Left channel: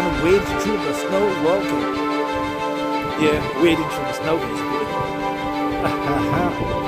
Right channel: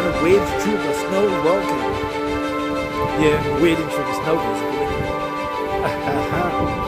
trying to wade through the snow. Well, okay. Yeah, wading through the snow, basically.